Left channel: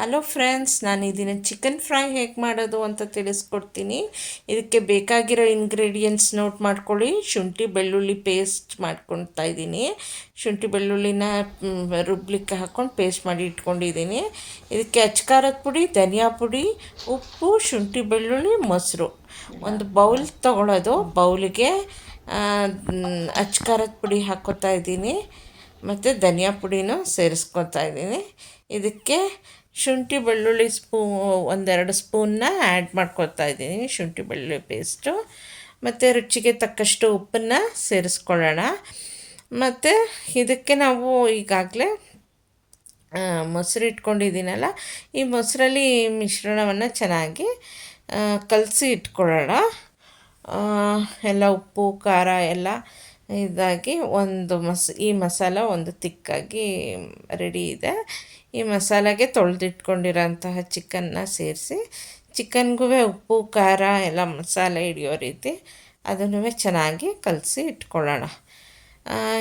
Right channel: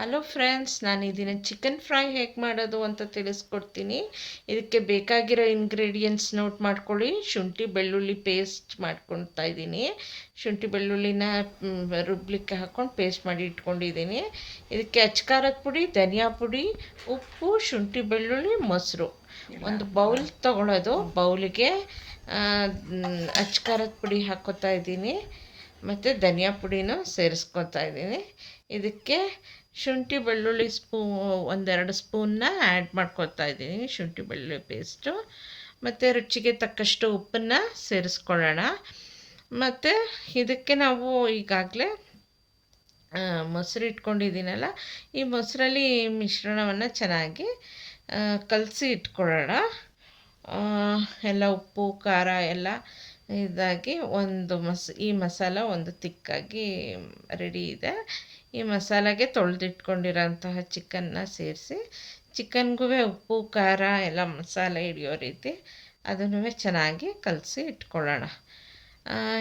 Hello friends ನಾನು ಇದನ್ನು chicken fry ಹೇಗೆ ಮಾಡೋದು ಅಂತ ತಿಳಿಸ್ಕೊಡ್ತೀನಿ. ಇದಕ್ಕೆ ಬೇಕಾಗಿರೋ ಇಂಗ್ರೀಡಿಯೆಂಟ್ಸ್ ನೋಟ್ ಮಾಡ್ಕೊಳ್ಳಿ. ಶುಂಠಿ, ಬೆಳ್ಳುಳ್ಳಿ ಪೇಸ್ಟ್ ಮಾಡ್ಕೊತಾ ಇದ್ದೀನಿ. ಶುಂಠಿ, ಬೆಳ್ಳುಳ್ಳಿನ ರುಬ್ಲಿಕ್ಕೆ ಹಾಕ್ಕೊಂಡು ಪೇಸ್ಟ್ ಮಾಡಿ ಇಟ್ಕೊಂಡಿದ್ದೀನಿ. ಇದಕ್ಕೆ ಅಚ್ಕಾರದ ಪುಡಿ, ಧನಿಯಾ ಪುಡಿ, ಉಪ್ಪು, ಶುಂಠಿ, ಬೆಳ್ಳುಳ್ಳಿ, ಮೊಸರು. ಒಂದು ಬೌಲ್ ತೊಗೊಳೋದು. ಬೌಲಿಗೆ ಅಚ್ಕಾರದ ಪುಡಿ ಹಾಕೋತಾ ಇದ್ದೀನಿ. ಮತ್ತು ಧನಿಯಾ ಪುಡಿನೂ ಸೇರಿಸ್ಕೊತಾ ಇದ್ದೀನಿ. ಇದಕ್ಕೆ ಶುಂಠಿ ಬೆಳ್ಳುಳ್ಳಿ ಸ್ಪೂ, ಒಂದೆರಡು ಸ್ಪೂನ್ನ ಆ್ಯಡ್ ಮಾಡ್ಕೊಳ್ತಾ ಇದ್ದೀನಿ ಶುಂಠಿ ಬೆಳ್ಳುಳ್ಳಿ ಪೇಸ್ಟು. ಮತ್ತು ರುಚಿಗೆ ತಕ್ಕಷ್ಟು ಉಪ್ಪನ್ನು ಸೇರಿಸ್ಕೊಳ್ಳೋಣ. ಮತ್ತು ಇದಕ್ಕೆ ನಾವು ಈಗಾಗಲೇ ಮೊಸರು ಇಟ್ಕೊಂಡಿದ್ದೀನಲ್ಲ, ಈ ಮೊಸರಲ್ಲಿ ಮಿಶ್ರಣವನ್ನು ಚೆನ್ನಾಗಿ ಕಲಸಿ ಇಟ್ಕೊಳ್ಳೋಣ. ಎಲ್ಲ ಉಪ್ಪು, ಖಾರ ಎಲ್ಲ ಇದಾಗಿ ಒಂದು ಮಸ್, ಈ ಮಸಾಲ ಒಂದು ತಿಕ್ಕಾಗಿ ರೆಡಿ ಇದೆ. ಈ ಮಸಾಲೆಗೆ ತೊಳೆದಿಟ್ಕೊಂಡಿರೋಂತಹ ಚಿಕನ್ನ ಸೇರಿಸಿ ಚಿಕನ್ಗೂ ಉಪ್ಪು, ಖಾರ ಎಲ್ಲ ಮಸಾಲೆ ಹಿಡಿಯೋ ರೀತಿ ಅದನ್ನು ಚೆನ್ನಾಗಿ ಕಲಸಿ ಇಟ್ಕೊಳ್ಳೋಣ.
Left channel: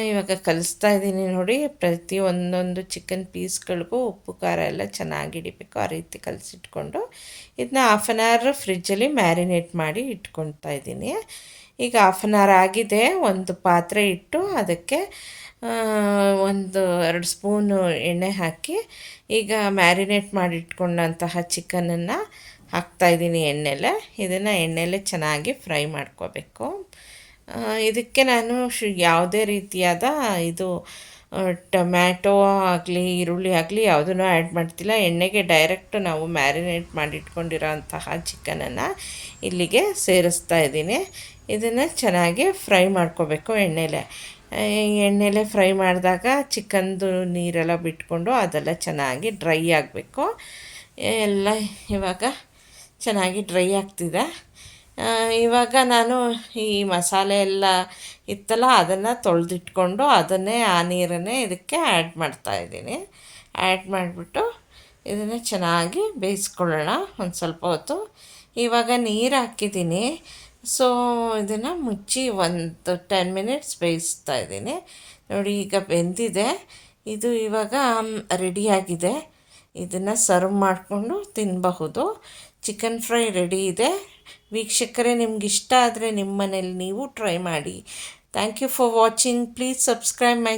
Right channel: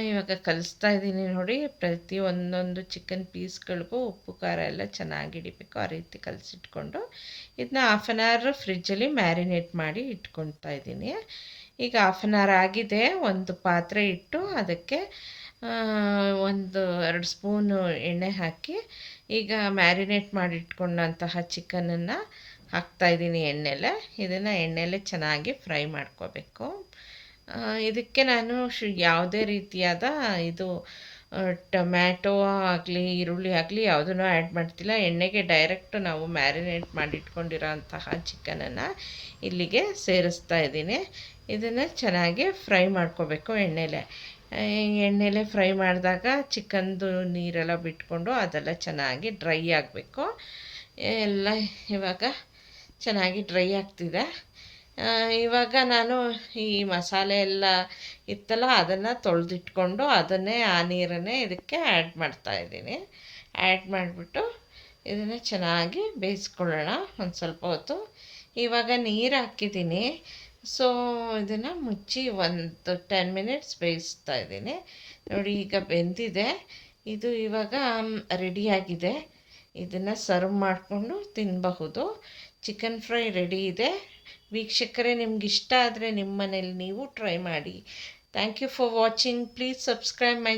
ಇವಾಗ ಕಲಿಸ್ತಾ ಇದ್ದೀನಿ ನೋಡಿ. ಪ್ರತಿ ಒಂದೊಂದು ಚಿಕನ್ ಪೀಸ್ಗಳಿಗೂ ಉಪ್ಪು, ಖಾರ ಎಲ್ಲ ಚೆನ್ನಾಗಿ ಹಿಡಿಬೇಕು. ಆ ರೀತಿ ಕಲಸಿಟ್ಕೊಂಡು ಇದನ್ನ ಹಾಫ್ ಆನ್ ಅವರ್ ಫ್ರಿಜ್ಜಲ್ಲಿ ಮ್ಯಾರಿನೇಟ್ ಮಾಡಿ ಇಟ್ಕೊಳ್ತಾ ಇದ್ದೀನಿ. ಈಗ ಹಾಫ್ ಆನ್ ಅವರ್ ಆಗಿದೆ. ಒಂದು ಪಾತ್ರೆ ಇಟ್ಟು ಅದಕ್ಕೆ ಒಂದು ಎರಡು ಸ್ಪೂನು ಎಣ್ಣೆ ಹಾಕಿ ಈಗ ಮ್ಯಾರಿನೇಟ್ ಮಾಡಿ ಇಟ್ಕೊಂಡಂತಹ ಚಿಕನನ್ನು ಹಾಕ್ತಾಯಿದ್ದೀನಿ ಎಣ್ಣೆಲೆ. ಇದನ್ನು ಎಣ್ಣೆಲೆ ಚೆನ್ನಾಗಿ ಫ್ರೈ ಮಾಡ್ಕೋಬೇಕು. ಇದಕ್ಕೆ ನಾನು ಯಾವುದೇ ರೀತಿಯಾದ ಇದು ಟೊಮ್ಯಾಟೊ ಆಗಲಿ, ಈರುಳ್ಳಿ ಆಗಲಿ ಯಾವುದನ್ನು ಆ್ಯಡ್ ಮಾಡ್ತಿಲ್ಲ. ಎಣ್ಣೆಗೆ ಡೈರೆಕ್ಟ್ ನಾವು ಮ್ಯಾರಿನೇಟ್ ಮಾಡಿಟ್ಕೊಂಡಿರೋ ಅಂತಹ ಚಿಕನನ್ನು ಇಲ್ಲಿಗೆ ಸೇರಿಸ್ತಾ ಇದ್ದೀನಿ. ಇದನ್ನು ಚೆನ್ನಾಗಿ ಫ್ರೈ ಮಾಡ್ಕೋಬೇಕು ಎಣ್ಣೆಲೆ. ಎಣ್ಣೆಲೆ ಫ್ರೈ ಮಾಡಿದಾಗ ಚಿಕನ್ದು ನೀರೆಲ್ಲ ಬಿಟ್ಕೊಂಡು ಅದೆಲ್ಲ ಚೆನ್ನಾಗಿ ಡ್ರೈ ಆಗಬೇಕು. ಎಲ್ಲ ಇವಾಗ ಚೆನ್ನಾಗಿ ಡ್ರೈ ಆಗ್ತಿದೆ. ಇವಾಗ ನಾನು ಈ ಮಸಾಲೆ ಎಲ್ಲ ಇತ್ತಲ್ಲ, ಅದನ್ನು ತೊಳೆದಿಟ್ಕೊಂಡು ಅದನ್ನೇ ಆ ನೀರನ್ನೇ ಇದಕ್ಕೆ ಆ್ಯಡ್ ಮಾಡ್ತಾಯಿದ್ದೀನಿ ಆ್ಯಡ್ ಮಾಡಿಬಿಟ್ಟು ಇದನ್ನೇ ಚೆನ್ನಾಗಿ ಬೇಯಿಸ್ಕೊಳ್ಳೋಣ ಒಂದು ಸ್ವಲ್ಪ ಹೊತ್ತು. ಇವಾಗ ನೀರು ಹಾಕಿದ್ದೀನಿ. ಸೊ ಇದನ್ನು ಮುಚ್ಚಿ ಒಂದು ಟೆನ್ ಮಿನಿಟ್ಸ್ ಬೇಯಿಸ್ತಾ ಇದ್ದೀನಿ. ನೋಡಿ, ಈಗ ಬೆಂದಿದೆ. ಇದು ಇವಾಗ ರೆಡಿಯಾಗಿದೆ ಇದನ್ನು ಸರ್ವ್ ಮಾಡಿಕೊಂಡು ತಿನ್ನಬಹುದು ಚಿಕನ್ ಫ್ರೈ ರೆಡಿ ಇದೆ. ವೀಕ್ಷಕರೇ, ನಿಮ್ಗೆ ಇಷ್ಟ ಆದರೆ ನಿಮ್ಮ ಮನೇಲಿ ನೀವು ಟ್ರೈ ಮಾಡಿ. Thank you for watching please subscribe my